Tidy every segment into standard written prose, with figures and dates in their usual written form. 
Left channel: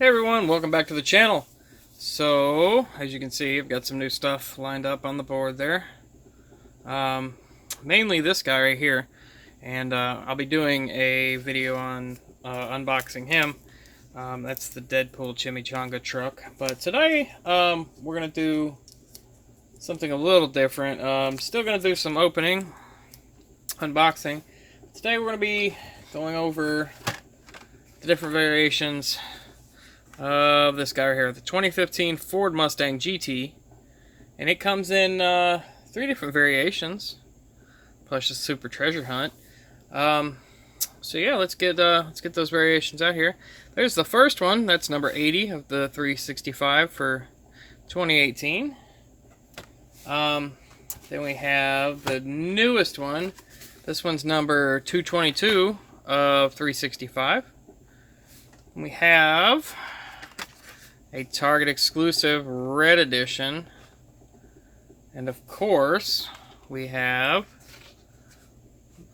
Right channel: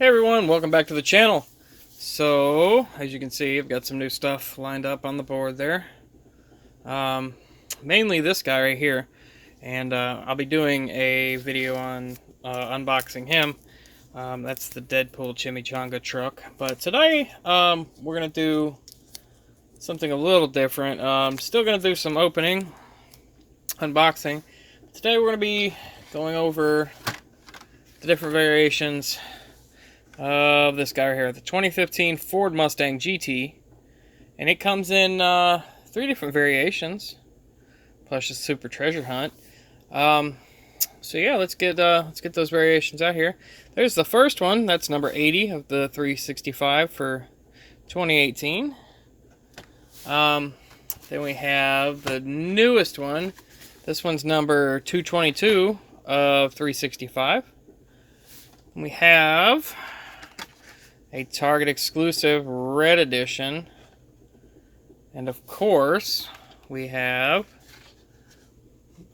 Hey everyone, welcome back to the channel. So, as you can see, I've got some new stuff lined up on the board there. Mainly this guy right here. And I'll be doing a video on unboxing him. That's the Deadpool Chimichanga truck. But today, we're going to do something a little different. Still going to do some opening, unboxing. Today we're going to be going over the different variations of this guy right here, the 2015 Ford Mustang GT, and it comes in 3 different variations, plus a super treasure hunt. So yeah, let's get those variations out here. There's the first one. That's number 80 of the 365 for 2018. Then we have the newest one. This one's number 222 of 365. And we have a Target exclusive red edition, and of course we have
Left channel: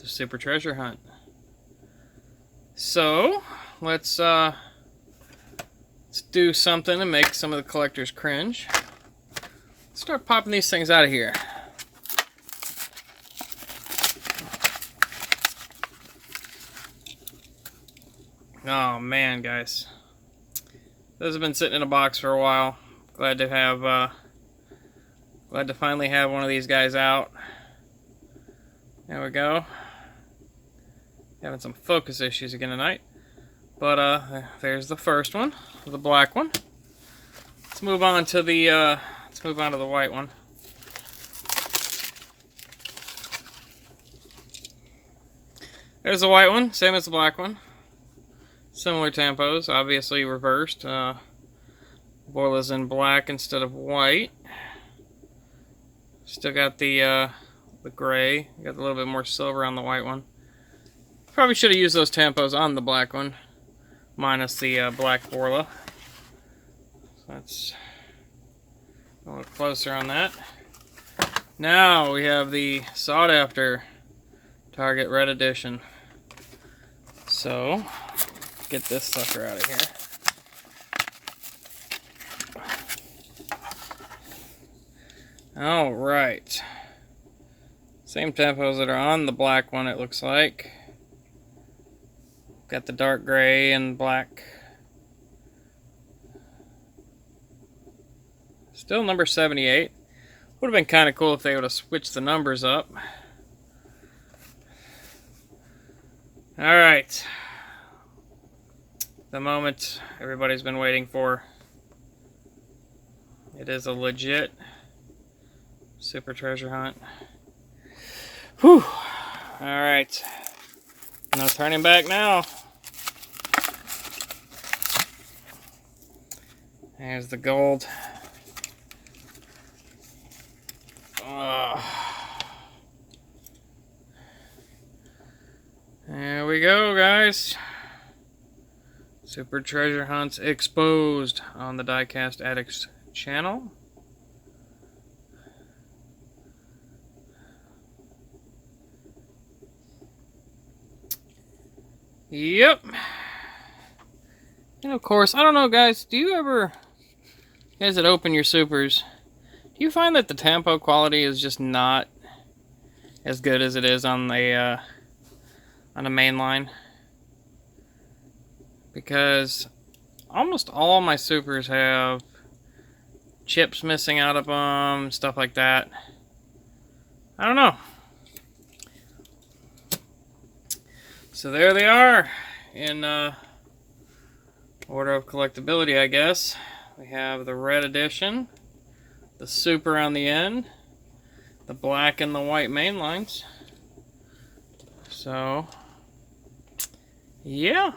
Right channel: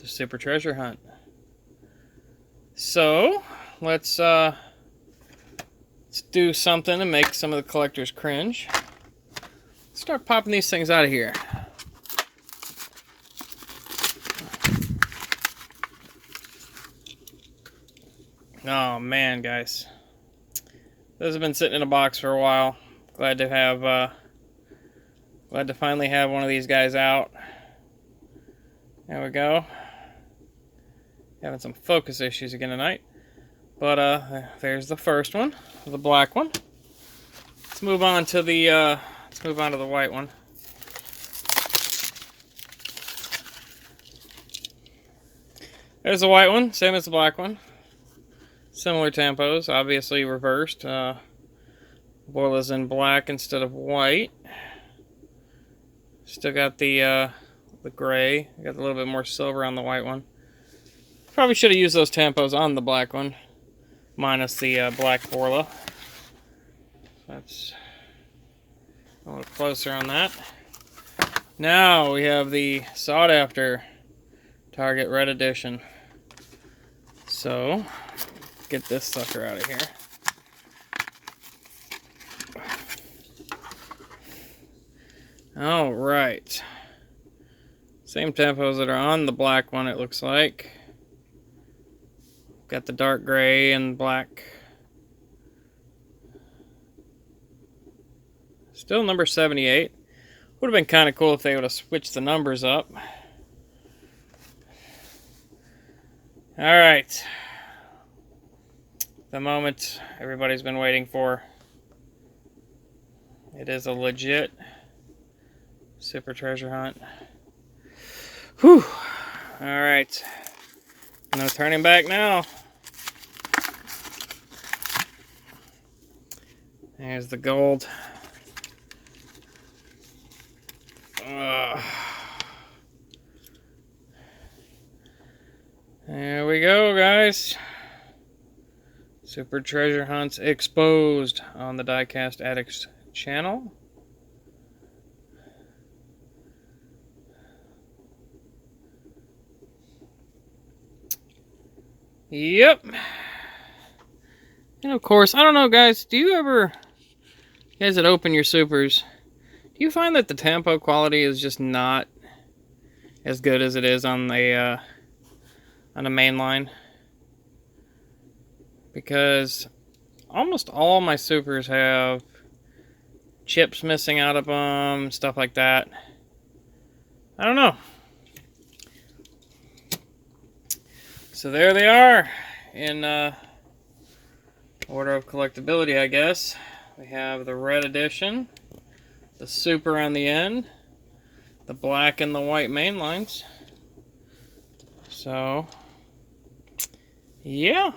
the super treasure hunt. So let's do something to make some of the collectors cringe. Let's start popping these things out of here. Oh man, guys, those have been sitting in a box for a while. Glad to finally have one of these guys out. There we go. Having some focus issues again tonight. But there's the first one, the black one. Let's move on to the white one. There's the white one, same as the black one. Similar tempos, obviously reversed. Borla's in black instead of white. Still got the gray. Got a little bit more silver on the white one. Probably should have used those tempos on the black one, minus the black Borla. So that's a little closer on that. Now we have the sought after Target Red Edition. So get this sucker out of here. All right. Same tempos that are on the black one, it looks like. Got the dark gray and black. Still number 78. Would have been kind of cool if they would have switched the numbers up. All right. The moment everybody's been waiting for. It is a legit super treasure hunt. Whew. Alright. No turning back now. There's the gold. Oh. There we go, guys. Super treasure hunts exposed on the Diecast Addicts channel. Yep. And of course, I don't know, guys, you guys that open your supers, do you find that the tempo quality is just not as good as it is on the main line? Because almost all my supers have chips missing out of them, stuff like that. I don't know. So there they are in order of collectability, I guess. We have the red edition, the super on the end, the black and the white main lines. So yeah.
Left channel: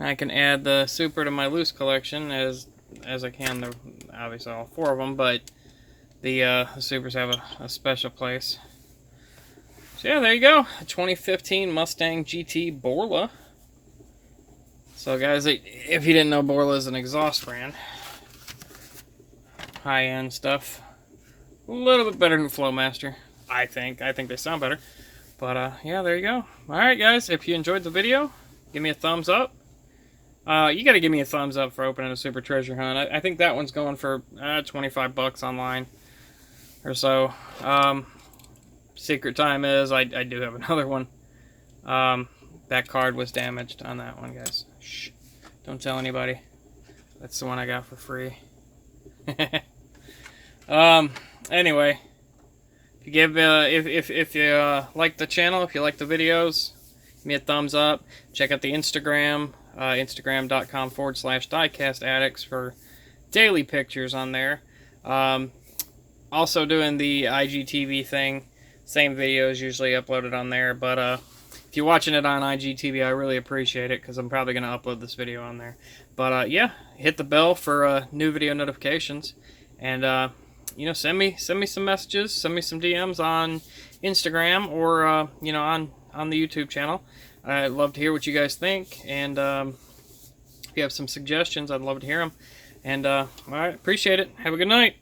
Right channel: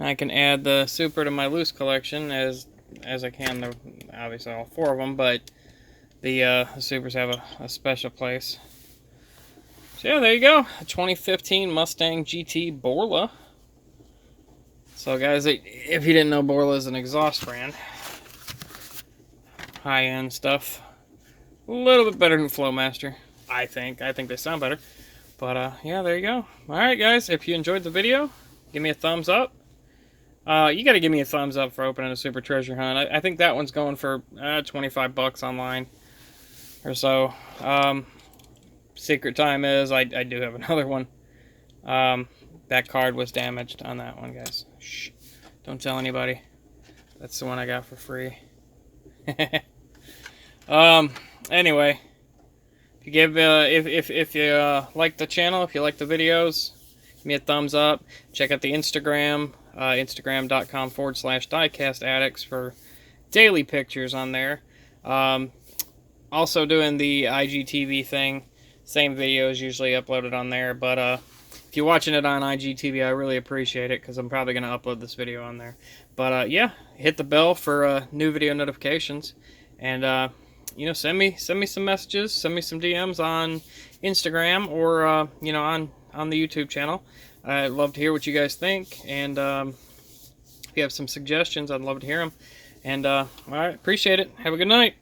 I can add the super to my loose collection as I can, obviously all 4 of them, but the supers have a special place. So yeah, there you go, a 2015 Mustang GT Borla. So guys, if you didn't know, Borla is an exhaust brand. High-end stuff. A little bit better than Flowmaster, I think. I think they sound better. But yeah, there you go. Alright guys, if you enjoyed the video, give me a thumbs up. You got to give me a thumbs up for opening a Super Treasure Hunt. I think that one's going for 25 bucks online or so. Secret time is I do have another one. That card was damaged on that one, guys. Shh. Don't tell anybody. That's the one I got for free. Anyway, if you give if you like the channel, if you like the videos, give me a thumbs up. Check out the Instagram, instagram.com/Diecast Addicts for daily pictures on there. Also doing the IGTV thing. Same videos usually uploaded on there, but if you're watching it on IGTV, I really appreciate it because I'm probably going to upload this video on there. But yeah, hit the bell for new video notifications, and you know, send me some messages, send me some DMs on Instagram or you know, on the YouTube channel. I'd love to hear what you guys think, and if you have some suggestions, I'd love to hear them. And all right, appreciate it. Have a good night.